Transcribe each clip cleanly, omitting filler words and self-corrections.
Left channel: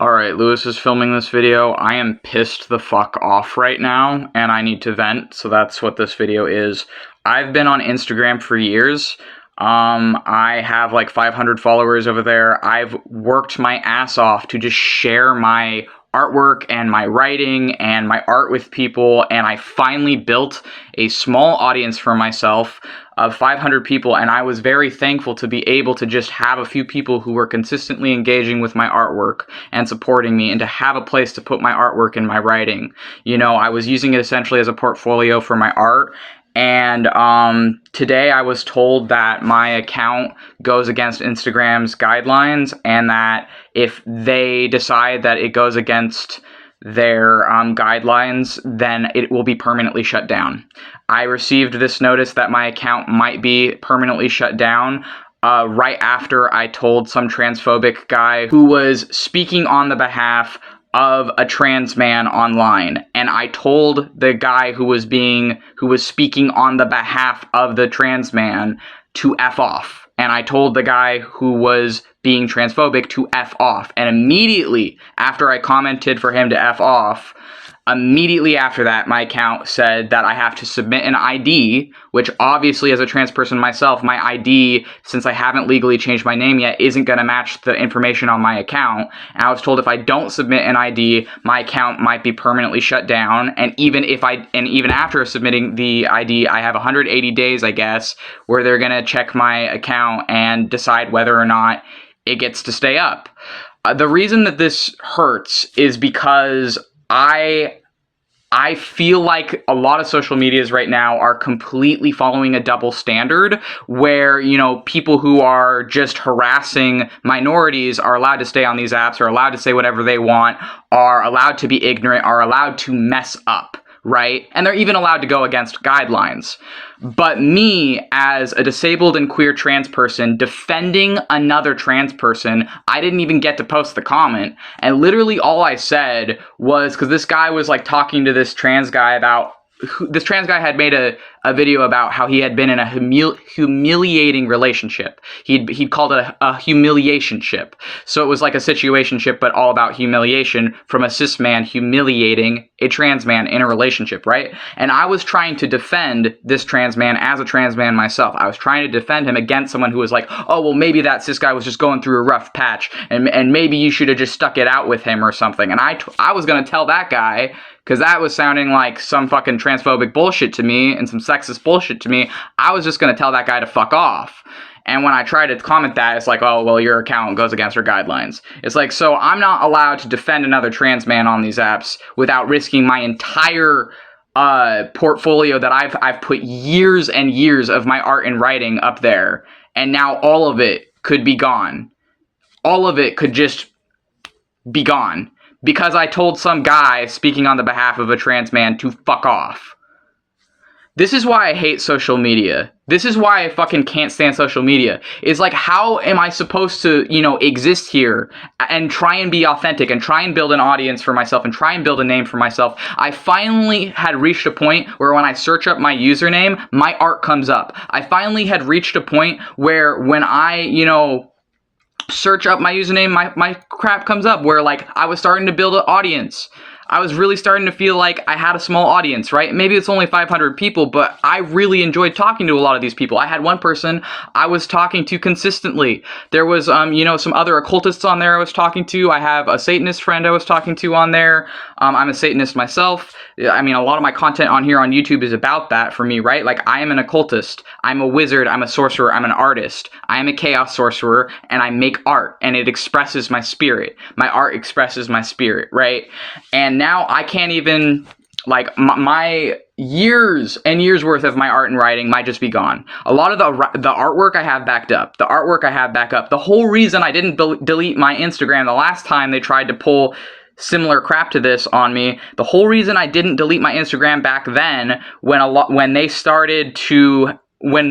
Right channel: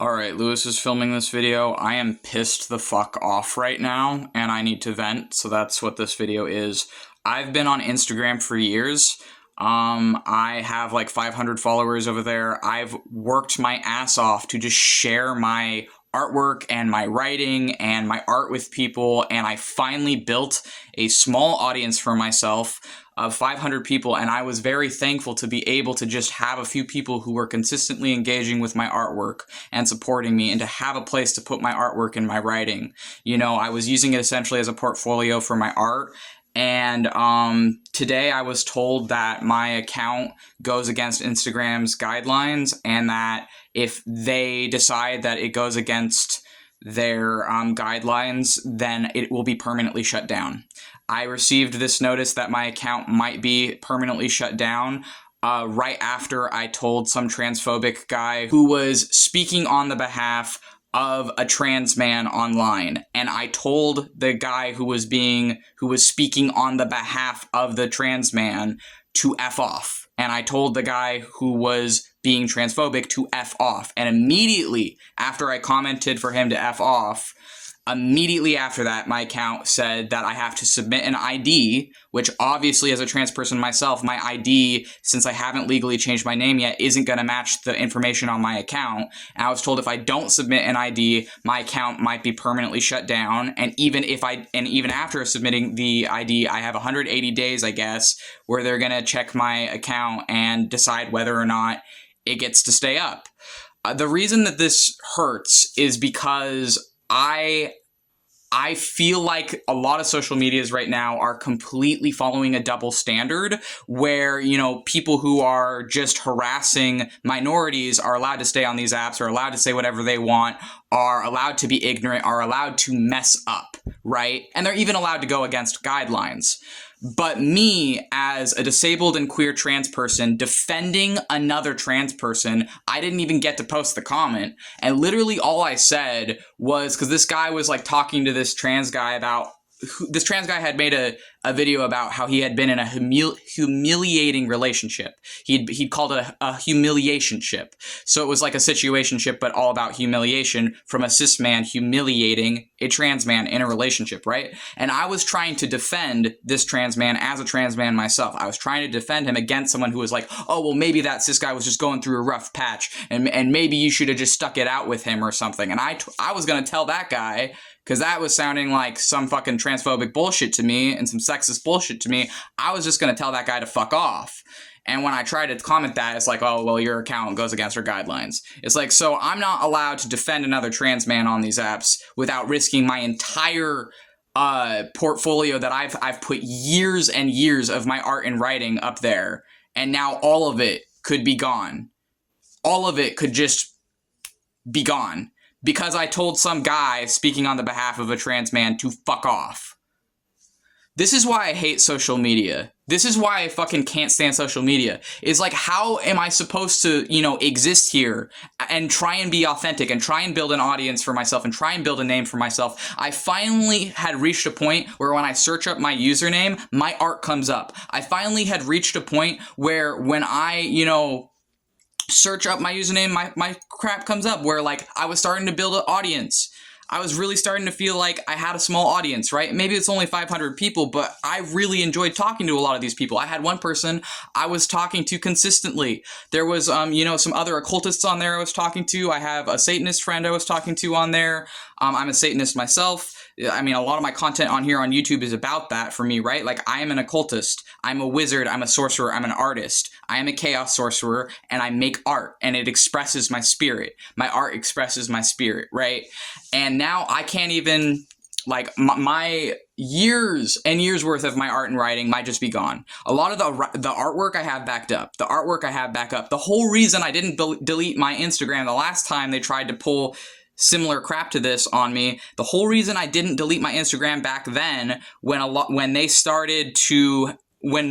Alright, Lewis is filming this video. I am pissed the fuck off right now, and I need to vent, so that's what this video is. I've been on Instagram for years. I have like 500 followers over there. I've worked my ass off to just share my artwork and my writing and my art with people, and I finally built a small audience for myself of 500 people, and I was very thankful to be able to just have a few people who were consistently engaging with my artwork and supporting me, and to have a place to put my artwork and my writing. You know, I was using it essentially as a portfolio for my art. And today I was told that my account goes against Instagram's guidelines, and that if they decide that it goes against their guidelines, then it will be permanently shut down. I received this notice that my account might be permanently shut down right after I told some transphobic guy who was speaking on the behalf of a trans man online, and I told the guy who was speaking on the behalf of the trans man to F off, and I told the guy who was being transphobic to F off, and immediately after I commented for him to F off, immediately after that, my account said that I have to submit an ID, which obviously as a trans person myself, my ID, since I haven't legally changed my name yet, isn't going to match the information on my account. And I was told if I don't submit an ID, my account might be permanently shut down. And even after submitting the ID, I have 180 days, I guess, where they're going to check my account and decide whether or not it gets to stay up. The reason that this hurts is because I feel like a lot of social medias right now are completely following a double standard where, you know, people who are just harassing minorities are allowed to stay on these apps, are allowed to say whatever they want, are allowed to be ignorant, are allowed to mess up, right? And they're even allowed to go against guidelines. But me, as a disabled and queer trans person defending another trans person, I didn't even get to post the comment. And literally all I said was, because this guy was like talking to this trans guy about, this trans guy had made a video about how he had been in a humiliating relationship. He'd called it a humiliationship. So it was like a situationship, but all about humiliation from a cis man humiliating a trans man in a relationship, right? And I was trying to defend this trans man as a trans man myself. I was trying to defend him against someone who was like, oh, well, maybe that cis guy was just going through a rough patch, and maybe you should have just stuck it out with him or something. And I was going to tell that guy, because that was sounding like some fucking transphobic bullshit to me and some sexist bullshit to me, I was just going to tell that guy to fuck off. And when I tried to comment that, it's like, oh, well, your account goes against our guidelines. It's like, so I'm not allowed to defend another trans man on these apps without risking my entire portfolio that I've put years and years of my art and writing up there. And now all of it could be gone. All of it could just be gone. Because I told some guy speaking on the behalf of a trans man to fuck off. This is why I hate social media. This is why I fucking can't stand social media. It's like, how am I supposed to, you know, exist here and try and be authentic and try and build an audience for myself and try and build a name for myself? I finally had reached a point where when I search up my username, my art comes up. I finally had reached a point where when I, you know, search up my username, my crap comes up, where like I was starting to build an audience. I was really starting to feel like I had a small audience, right? Maybe it's only 500 people, but I really enjoyed talking to a lot of these people. I had one person I was talking to consistently. There was, you know, some other occultists on there I was talking to. I have a Satanist friend I was talking to on there. I'm a Satanist myself. I mean, a lot of my content on here on YouTube is about that for me, right? Like, I am an occultist. I'm a wizard. I'm a sorcerer. I'm an artist. I am a chaos sorcerer, and I make art, and it expresses my spirit. My art expresses my spirit, right? And now I can't even, like, my years and years worth of my art and writing might just be gone. A lot of the artwork I have backed up. The artwork I have back up. The whole reason I didn't delete my Instagram the last time they tried to pull similar crap to this on me, the whole reason I didn't delete my Instagram back then, when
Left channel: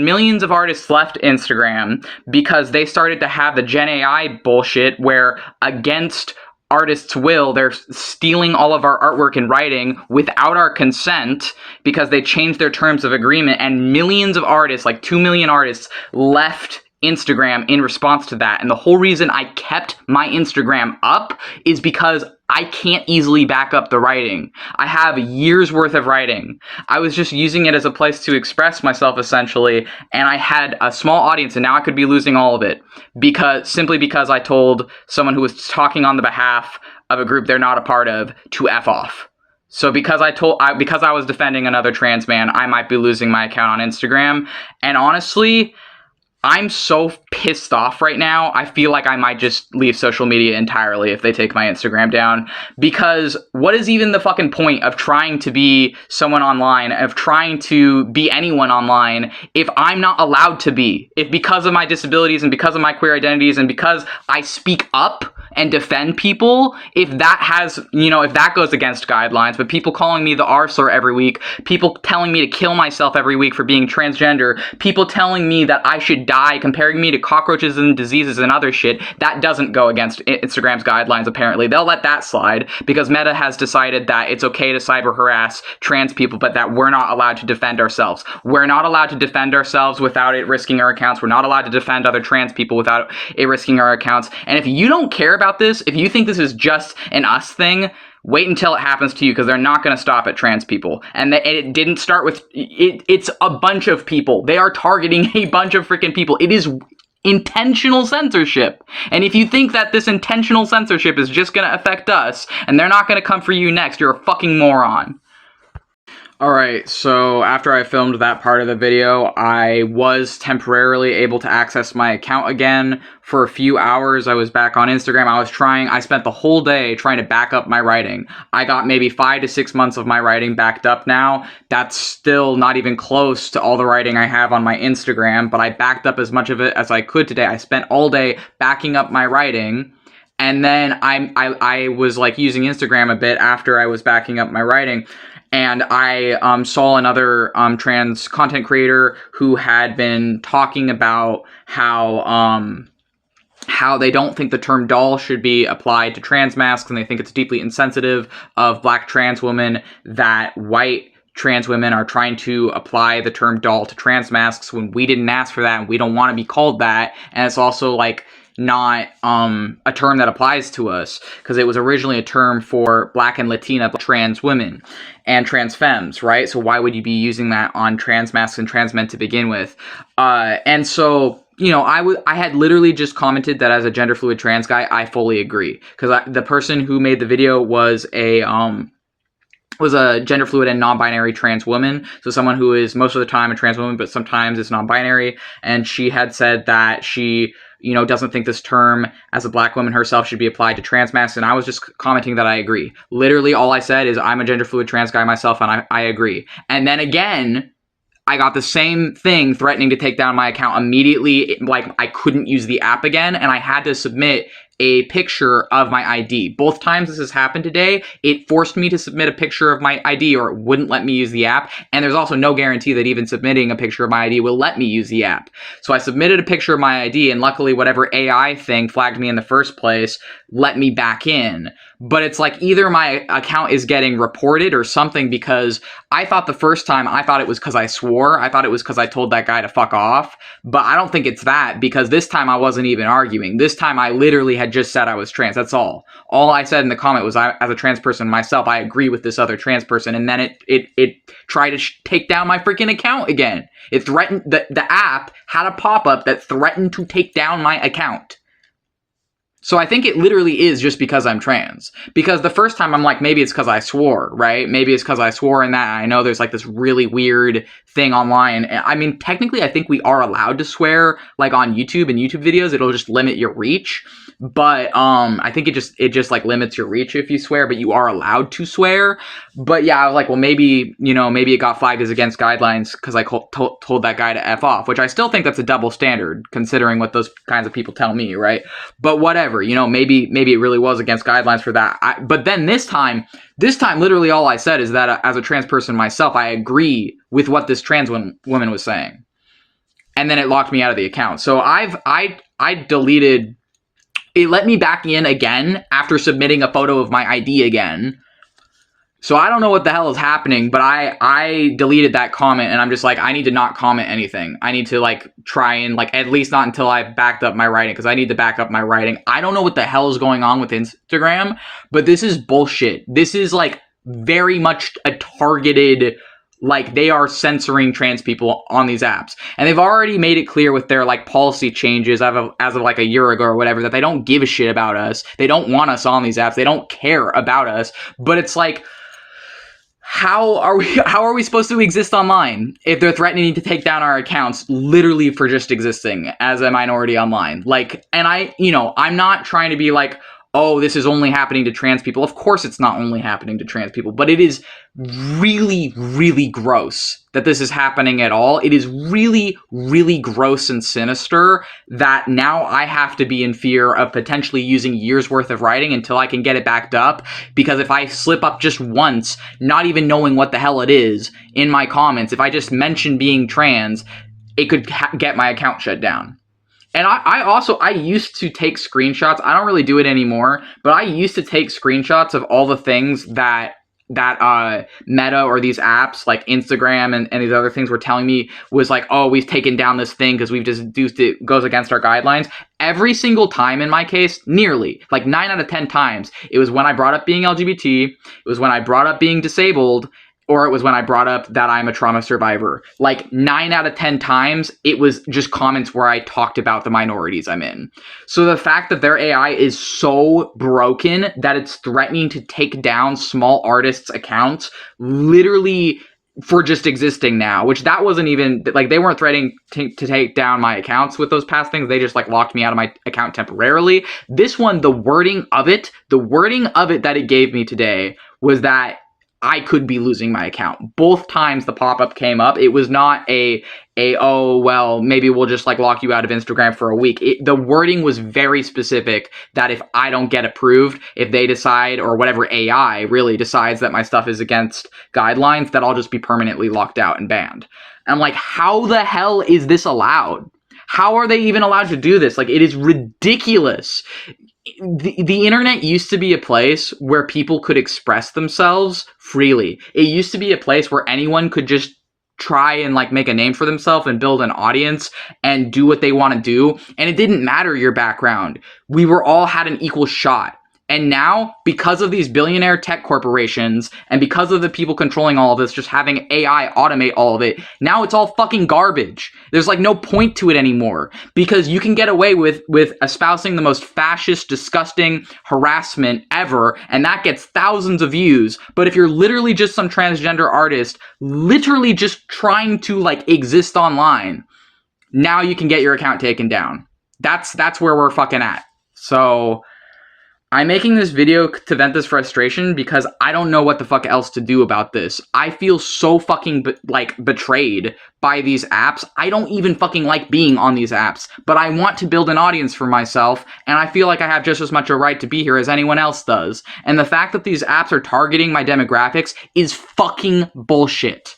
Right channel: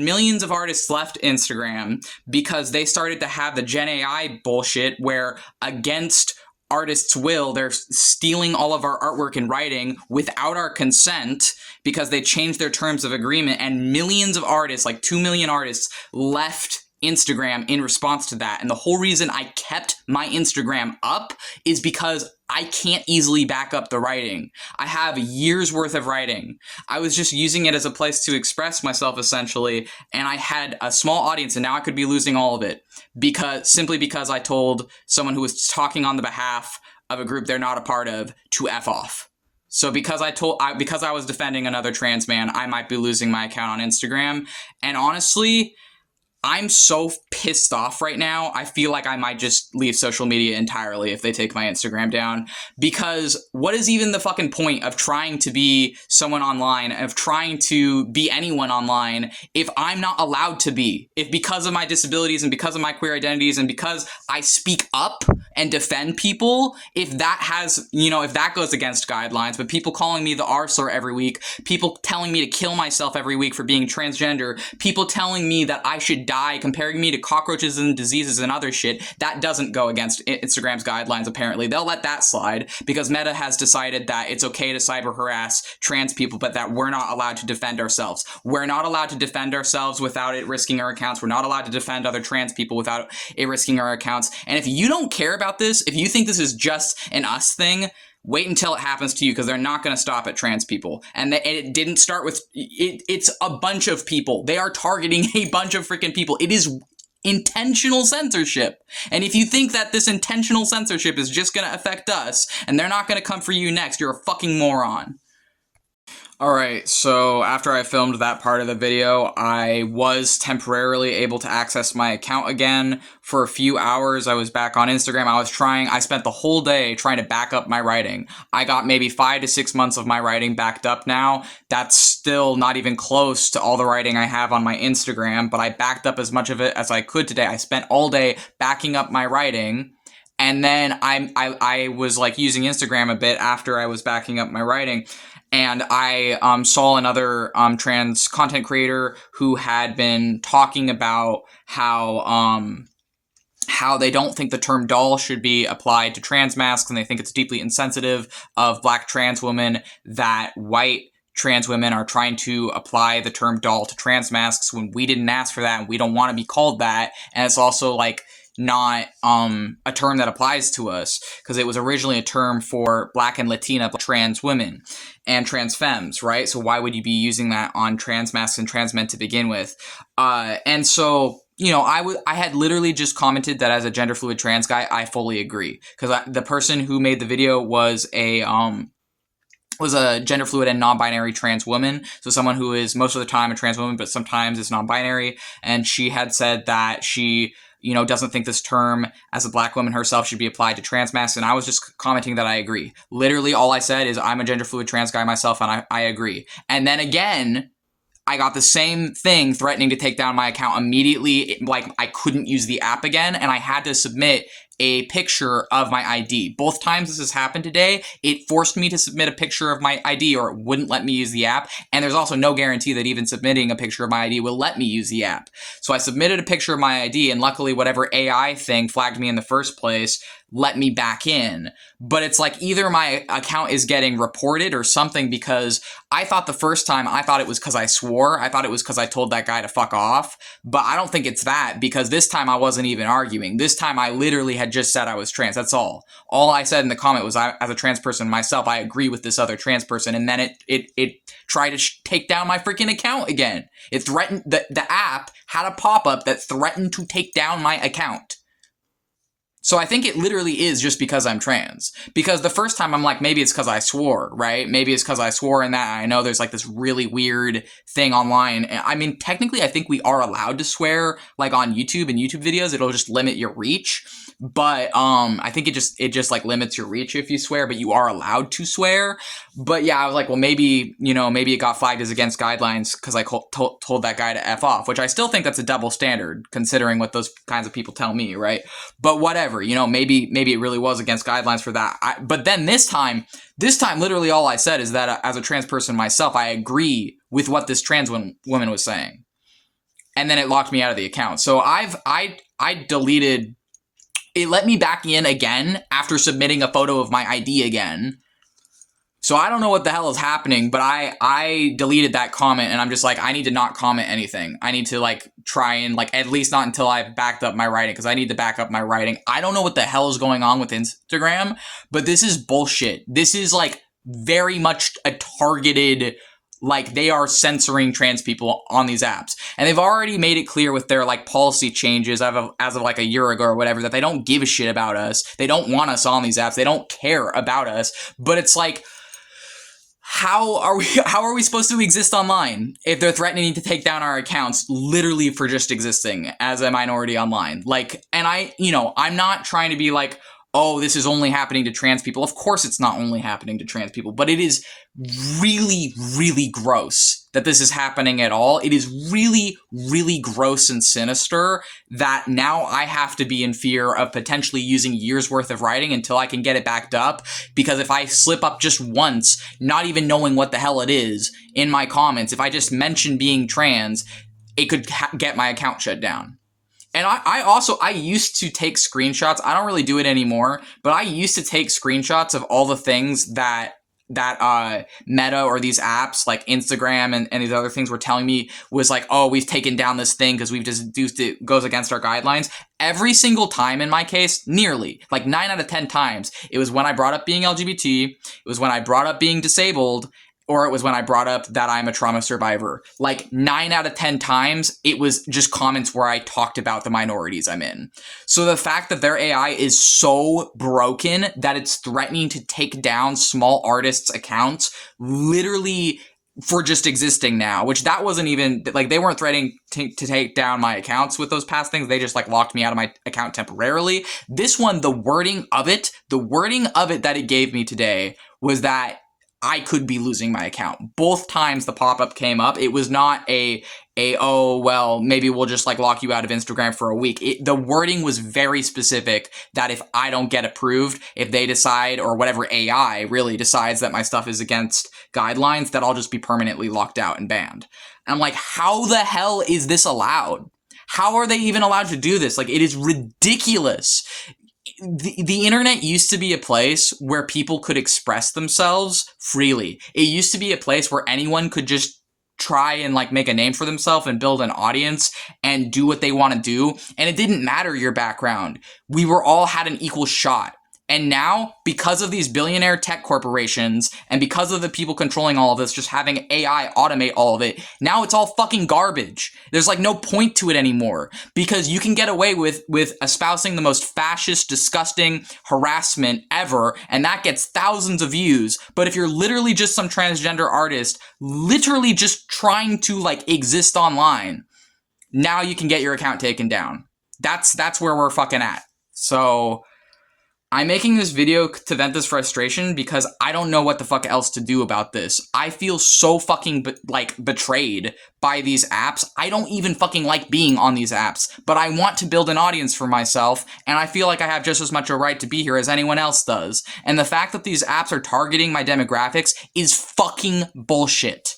millions of artists left Instagram, because they started to have the Gen AI bullshit where, against artists' will, they're stealing all of our artwork and writing without our consent because they changed their terms of agreement, and millions of artists, like 2 million artists, left Instagram in response to that. And the whole reason I kept my Instagram up is because I can't easily back up the writing. I have years worth of writing. I was just using it as a place to express myself, essentially, and I had a small audience, and now I could be losing all of it simply because I told someone who was talking on the behalf of a group they're not a part of to F off. So because I was defending another trans man, I might be losing my account on Instagram. And honestly, I'm so pissed off right now. I feel like I might just leave social media entirely if they take my Instagram down. Because what is even the fucking point of trying to be someone online, of trying to be anyone online, if I'm not allowed to be? If because of my disabilities and because of my queer identities and because I speak up and defend people, if that has, if that goes against guidelines, but people calling me the R slur every week, people telling me to kill myself every week for being transgender, people telling me that I should die, comparing me to cockroaches and diseases and other shit, that doesn't go against Instagram's guidelines, apparently. They'll let that slide because Meta has decided that it's okay to cyber harass trans people, but that we're not allowed to defend ourselves. We're not allowed to defend ourselves without it risking our accounts. We're not allowed to defend other trans people without it risking our accounts. And if you don't care about this, if you think this is just an us thing, wait until it happens to you, because they're not going to stop at trans people. And it didn't start with it's a bunch of people. They are targeting a bunch of freaking people. It is intentional censorship. And if you think that this intentional censorship is just going to affect us and they're not going to come for you next, you're a fucking moron. Alright, so after I filmed that part of the video, I was temporarily able to access my account again. For a few hours, I was back on Instagram. I spent the whole day trying to back up my writing. I got maybe 5 to 6 months of my writing backed up now. That's still not even close to all the writing I have on my Instagram, but I backed up as much of it as I could today. I spent all day backing up my writing. And then I was like using Instagram a bit after I was backing up my writing. And I saw another trans content creator who had been talking about how they don't think the term doll should be applied to trans masks, and they think it's deeply insensitive of black trans women that white trans women are trying to apply the term doll to trans masks when we didn't ask for that and we don't want to be called that. And it's also like not a term that applies to us, because it was originally a term for black and Latina trans women and trans femmes, right? So why would you be using that on trans masks and trans men to begin with? And so, I had literally just commented that as a gender fluid trans guy, I fully agree, because the person who made the video was a gender fluid and non-binary trans woman. So someone who is most of the time a trans woman, but sometimes is non-binary. And she had said that she, doesn't think this term as a black woman herself should be applied to trans masks. And I was just commenting that I agree. Literally all I said is I'm a gender fluid trans guy myself and I agree. And then again, I got the same thing threatening to take down my account immediately. Like I couldn't use the app again and I had to submit a picture of my ID. Both times this has happened today, it forced me to submit a picture of my ID or it wouldn't let me use the app. And there's also no guarantee that even submitting a picture of my ID will let me use the app. So I submitted a picture of my ID and luckily whatever AI thing flagged me in the first place let me back in. But it's like either my account is getting reported or something, because I thought the first time, I thought it was because I swore. I thought it was because I told that guy to fuck off. But I don't think it's that, because this time I wasn't even arguing. This time I literally had just said I was trans. That's all. All I said in the comment was, as a trans person myself, I agree with this other trans person. And then it tried to take down my freaking account again. It threatened, the app had a pop-up that threatened to take down my account. So I think it literally is just because I'm trans. Because the first time I'm like, maybe it's because I swore, right? Maybe it's because I swore in that. I know there's like this really weird thing online. I mean, technically I think we are allowed to swear like on YouTube and YouTube videos. It'll just limit your reach. But I think it just like limits your reach if you swear, but you are allowed to swear. But yeah, I was like, well, maybe, maybe it got flagged as against guidelines because I told that guy to F off, which I still think that's a double standard considering what those kinds of people tell me, right? But whatever, maybe it really was against guidelines for that. But then this time, literally all I said is that as a trans person myself, I agree with what this trans woman was saying. And then it locked me out of the account. So I deleted. It let me back in again after submitting a photo of my ID again. So I don't know what the hell is happening, but I deleted that comment, and I'm just like, I need to not comment anything. I need to like try and like, at least not until I've backed up my writing, because I need to back up my writing. I don't know what the hell is going on with Instagram, but this is bullshit. This is like very much a targeted, like they are censoring trans people on these apps. And they've already made it clear with their like policy changes as of like a year ago or whatever, that they don't give a shit about us. They don't want us on these apps. They don't care about us. But it's like, how are we supposed to exist online if they're threatening to take down our accounts literally for just existing as a minority online? Like, and I'm not trying to be like, oh, this is only happening to trans people. Of course it's not only happening to trans people, but it is really, really gross that this is happening at all. It is really, really gross and sinister that now I have to be in fear of potentially using years worth of writing until I can get it backed up. Because if I slip up just once, not even knowing what the hell it is in my comments, if I just mention being trans, it could get my account shut down. And I used to take screenshots. I don't really do it anymore, but I used to take screenshots of all the things that Meta or these apps like Instagram and these other things were telling me was like, oh, we've taken down this thing because we've just deduced it goes against our guidelines. Every single time in my case, nearly, like 9 out of 10 times, it was when I brought up being LGBT, it was when I brought up being disabled, or it was when I brought up that I'm a trauma survivor. Like 9 out of 10 times, it was just comments where I talked about the minorities I'm in. So the fact that their AI is so broken that it's threatening to take down small artists' accounts literally for just existing now, which that wasn't even, like, they weren't threatening to take down my accounts with those past things. They just like locked me out of my account temporarily. This one, the wording of it that it gave me today was that I could be losing my account. Both times the pop-up came up, it was not oh, well, maybe we'll just like lock you out of Instagram for a week. The wording was very specific that if I don't get approved, if they decide, or whatever AI really decides that my stuff is against guidelines, that I'll just be permanently locked out and banned. And I'm like, how the hell is this allowed? How are they even allowed to do this? Like, it is ridiculous. The internet used to be a place where people could express themselves freely. It used to be a place where anyone could just try and like make a name for themselves and build an audience and do what they want to do. And it didn't matter your background. We were all had an equal shot. And now, because of these billionaire tech corporations and because of the people controlling all of this, just having AI automate all of it, now it's all fucking garbage. There's like no point to it anymore because you can get away with espousing the most fascist, disgusting harassment ever, and that gets thousands of views. But if you're literally just some transgender artist, literally just trying to like exist online, now you can get your account taken down. That's where we're fucking at. So I'm making this video to vent this frustration because I don't know what the fuck else to do about this. I feel so fucking betrayed by these apps. I don't even fucking like being on these apps, but I want to build an audience for myself, and I feel like I have just as much a right to be here as anyone else does. And the fact that these apps are targeting my demographics is fucking bullshit.